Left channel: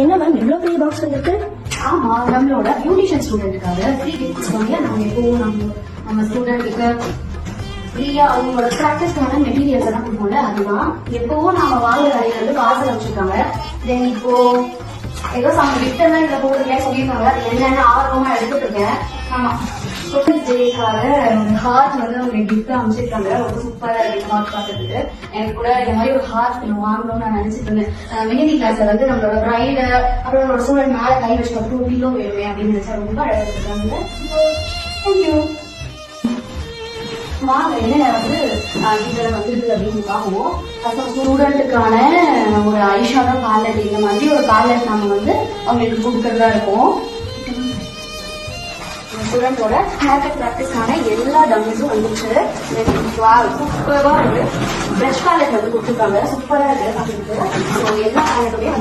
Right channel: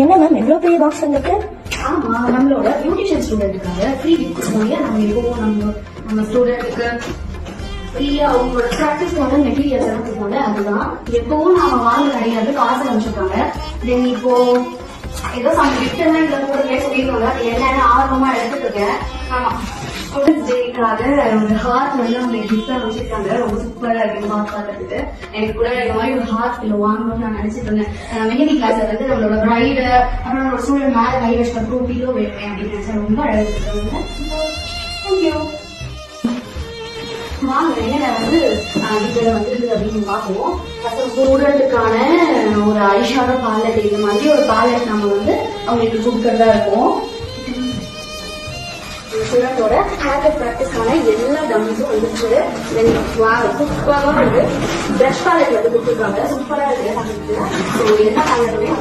என்ன மேம் எவ்வளவு பெரிய பாக்ஸ் உங்களுக்கு? ஆமா, நம்மளோட பியூட்டிஷியன் ஸ்டூடெண்ட்டுக்காக ஃப்ரீ கிஃப்ட்ஸ் நம்ம எப்பவும் நம்ம ஸ்டூடெண்ட்டுக்கு ஃப்ரீயா அவங்களோட ப்ராக்டிஸ்க்கான மெட்டீரியல்ஸ் எல்லாம் கொடுக்கல. அதுதான் எப்பவும் நாம வாங்க கடையில காசு அமைச்சிருக்காங்க. தென் இப்போ ஏதோ கிஃப்ட்லாம் இதை போடுங்க சொல்லியிருக்காங்க. என்னென்ன ஆர்வமா எடுத்துட்டு இருக்கேன். ஆமா, டேக்காக ஒரு ஹார்ட் அவங்க கிஃப்ட் அமைச்சிருக்காங்க. ரொம்ப சூப்பரா இருக்கு ஹார்ட் பார்க்கறதுக்கு. எனக்கு கூட இந்த மாதிரி ஒரு ஹார்ட் வாங்கணும்னு நான் நினைச்சிட்டு இருந்தேன். மெஹந்தி கிளாஸ் நம்மளோட பிரைடு அப்புறம் ஒரு ஸ்டூடெண்ட் மேல கை வச்சு 2 கிலோ வேணுமே அப்படின்னு நினைச்சா ரொம்ப அழகா இருக்காங்க. தேங்க்யூ. வாங்க இதுல அப்படின்னு பார்ப்போம். ஸ்டூடெண்ட்டுக்கான ஒரு ஐஷாடோ பேலட், இந்த மாதிரி ஒரு பேலட் நம்ம அவங்களுக்கு கொடுக்கறதா இருக்கும். ஸ்டூடெண்டோட ஹேர் கட் ப்ராக்டிஸ்க்கான எல்லா டம்ஸும் வந்துச்சு. சூப்பரா இருக்கு. பிரஷ் பேலட் கொடுத்துருக்காங்க. சூப்பரா இருக்கு. எல்லா பேலட்டோடையும்